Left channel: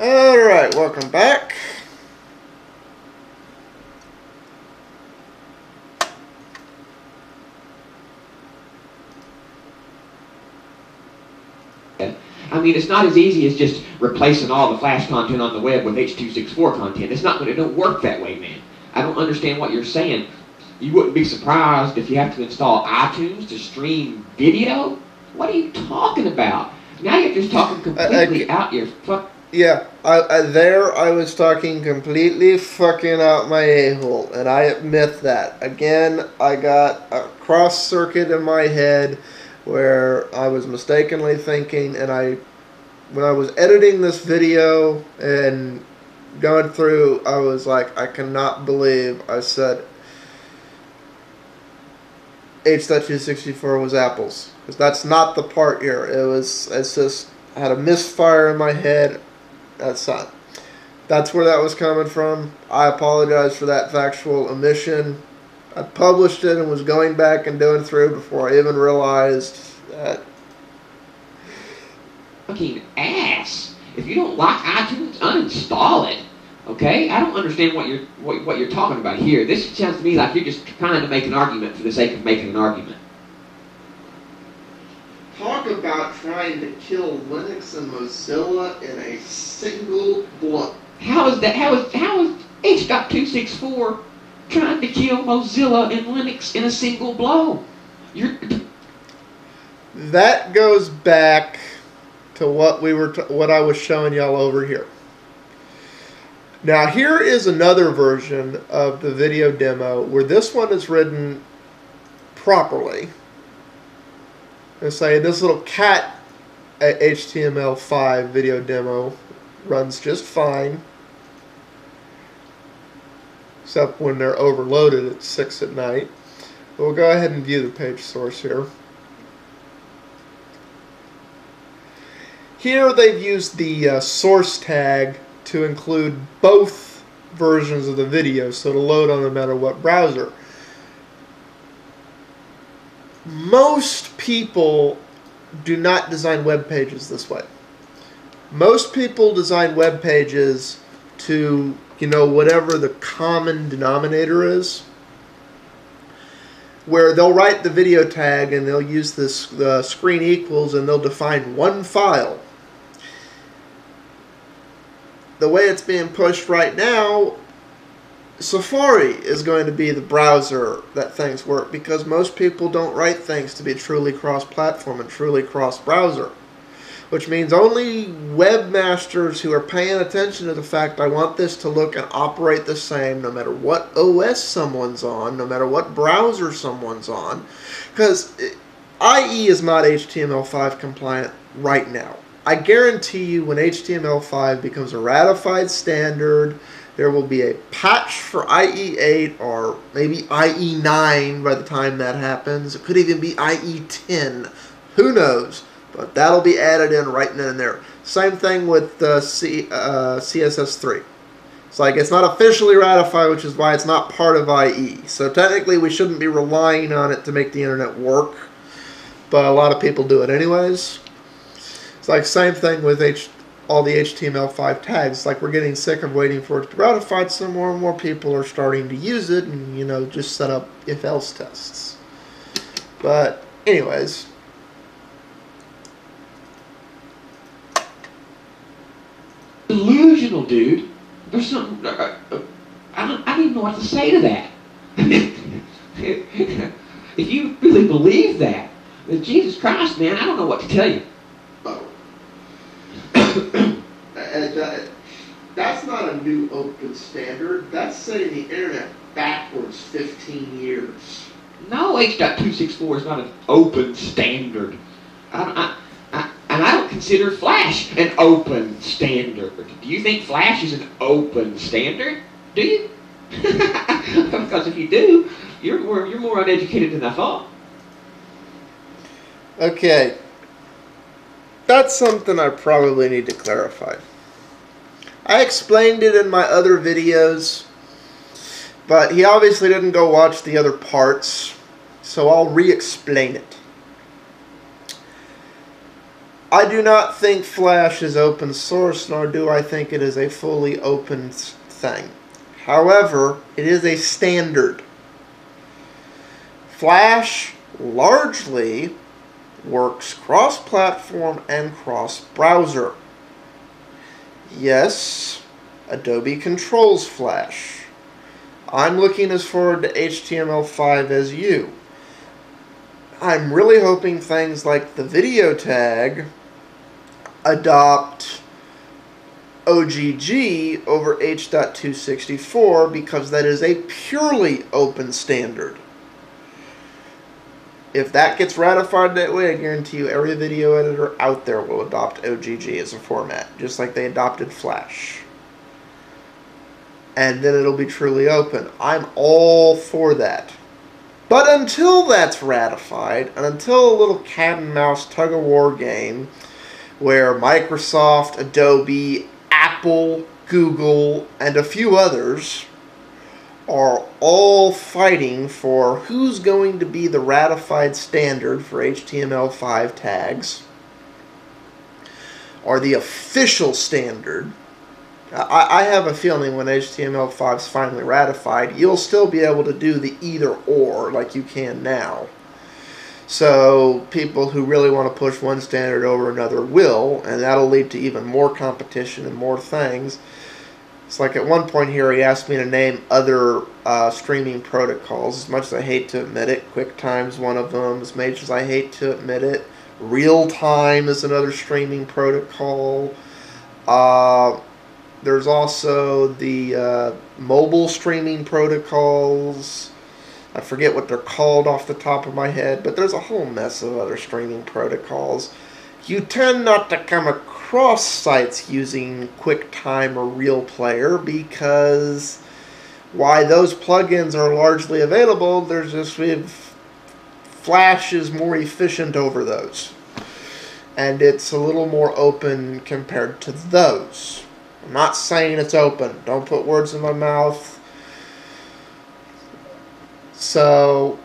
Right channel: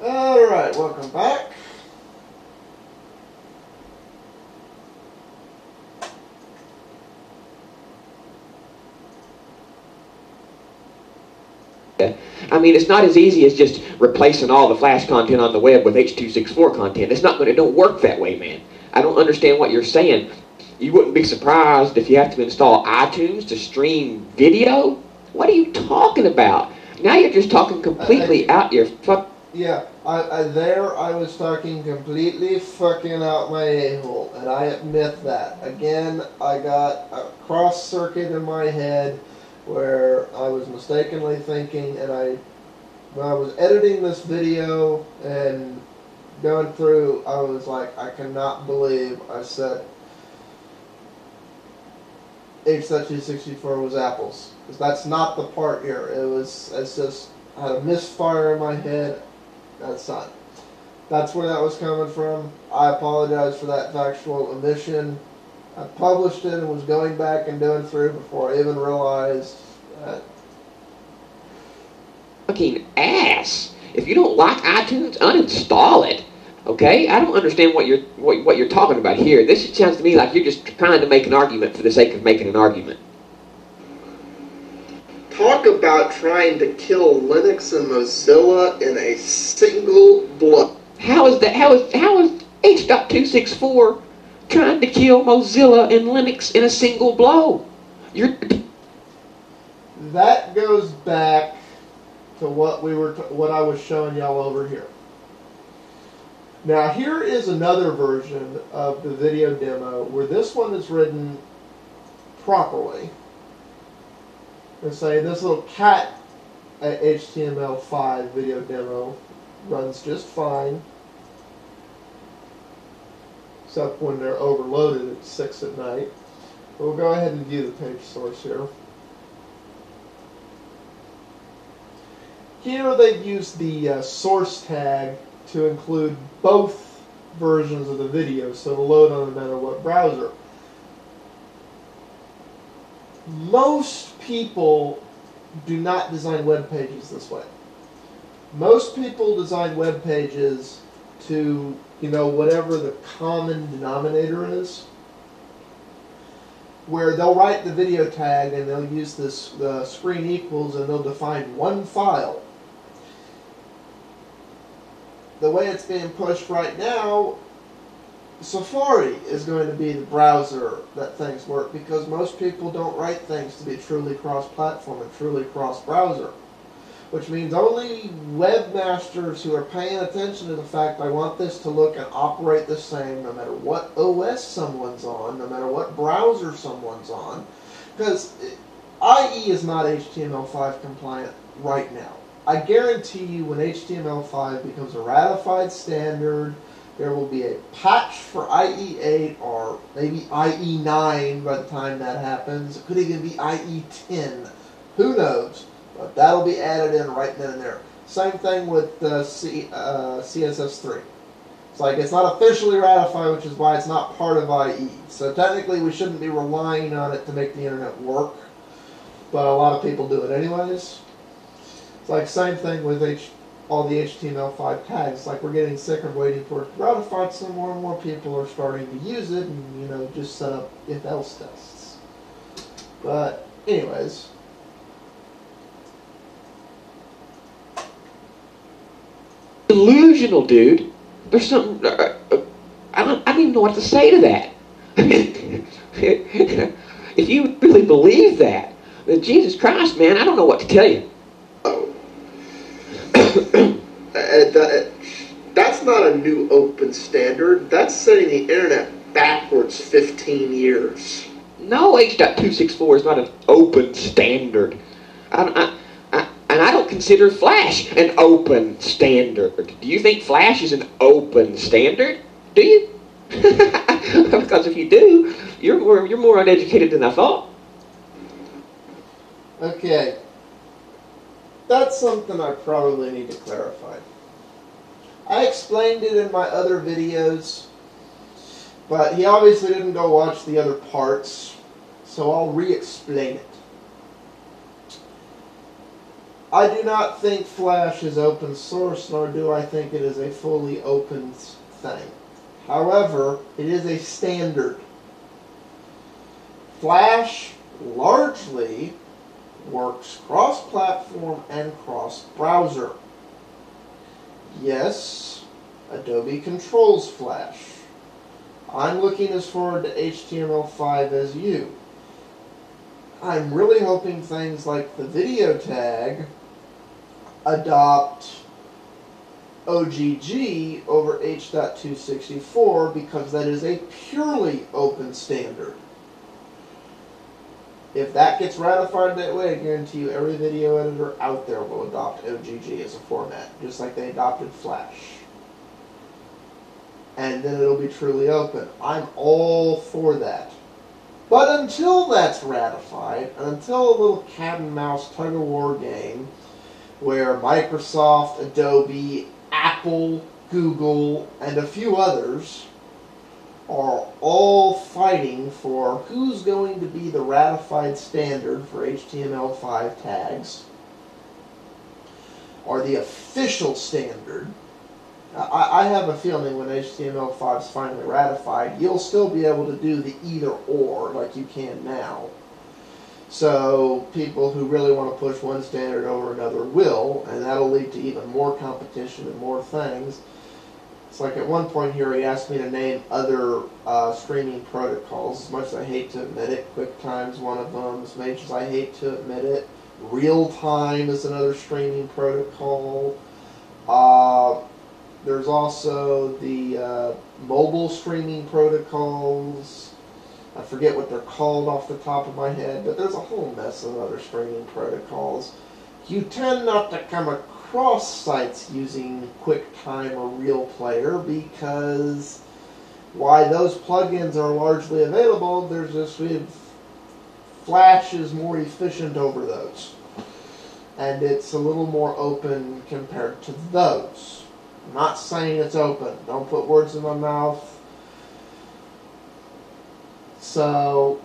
Alright, welcome back. I mean, it's not as easy as just replacing all the Flash content on the web with H.264 content. It's not, but it don't work that way, man. I don't understand what you're saying. You wouldn't be surprised if you have to install iTunes to stream video? What are you talking about? Now you're just talking completely out your fuck. Yeah, I was talking completely fucking out my a-hole, and I admit that. Again, I got a cross circuit in my head where I was mistakenly thinking, and when I was editing this video and going through, I was like, I cannot believe I said H.264 was apples. Because that's not the part here. It's just, I had a misfire in my head. That's where that was coming from. I apologize for that factual omission. I published it and was going back and doing through before I even realized that. Fucking ass. If you don't like iTunes, uninstall it. Okay? I don't understand what you're talking about here. This sounds to me like you're just trying to make an argument for the sake of making an argument. Talk about trying to kill Linux and Mozilla in a single blow. How is H.264 trying to kill Mozilla and Linux in a single blow? That goes back to what I was showing y'all over here. Now here is another version of the video demo where this one is written properly. And say this little cat HTML5 video demo runs just fine, except when they're overloaded at 6 at night. But we'll go ahead and view the page source here. Here they've used the source tag to include both versions of the video, so it'll load on no matter what browser. Most people do not design web pages this way. Most people design web pages to, whatever the common denominator is, where they'll write the video tag and they'll use this screen equals and they'll define one file. The way it's being pushed right now, Safari is going to be the browser that things work, because most people don't write things to be truly cross-platform and truly cross-browser, which means only webmasters who are paying attention to the fact I want this to look and operate the same no matter what OS someone's on, no matter what browser someone's on, because IE is not HTML5 compliant right now. I guarantee you when HTML5 becomes a ratified standard, there will be a patch for IE8 or maybe IE9 by the time that happens. It could even be IE10. Who knows? But that'll be added in right then and there. Same thing with CSS3. It's like it's not officially ratified, which is why it's not part of IE. So technically we shouldn't be relying on it to make the internet work. But a lot of people do it anyways. It's like same thing with all the HTML5 tags. It's like we're getting sick of waiting for it to be ratified, so more and more people are starting to use it and, just set up if-else tests. But anyways. Delusional, dude. There's something... I don't even know what to say to that. If you really believe that, then Jesus Christ, man, I don't know what to tell you. That's not a new open standard. That's setting the internet backwards 15 years. No, H.264 is not an open standard. And I don't consider Flash an open standard. Do you think Flash is an open standard? Do you? Because if you do, you're more uneducated than I thought. Okay. That's something I probably need to clarify. I explained it in my other videos, but he obviously didn't go watch the other parts, so I'll re-explain it. I do not think Flash is open source, nor do I think it is a fully open thing. However, it is a standard. Flash largely works cross-platform and cross-browser. Yes, Adobe controls Flash. I'm looking as forward to HTML5 as you. I'm really hoping things like the video tag adopt OGG over H.264 because that is a purely open standard. If that gets ratified that way, I guarantee you every video editor out there will adopt OGG as a format, just like they adopted Flash. And then it'll be truly open. I'm all for that. But until that's ratified, and until a little cat and mouse tug-of-war game where Microsoft, Adobe, Apple, Google, and a few others are all fighting for who's going to be the ratified standard for HTML5 tags, or the official standard, I have a feeling when HTML5 is finally ratified, you'll still be able to do the either or like you can now. So people who really want to push one standard over another will, and that'll lead to even more competition and more things. It's like at one point here he asked me to name other streaming protocols. As much as I hate to admit it, QuickTime's one of them. As much as I hate to admit it, Real-Time is another streaming protocol. There's also the mobile streaming protocols. I forget what they're called off the top of my head, but there's a whole mess of other streaming protocols. You tend not to come across sites using QuickTime or RealPlayer because why those plugins are largely available, there's just Flash is more efficient over those. And it's a little more open compared to those. I'm not saying it's open. Don't put words in my mouth. So,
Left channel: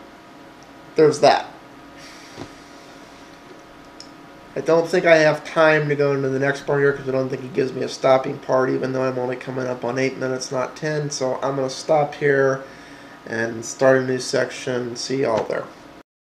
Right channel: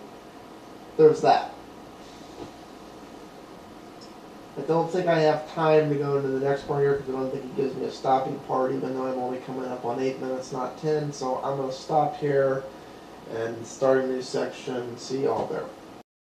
there's that. I don't think I have time to go into the next part here because I don't think it gives me a stopping part, even though I'm only coming up on 8 minutes, not 10. So I'm going to stop here and start a new section. See y'all there.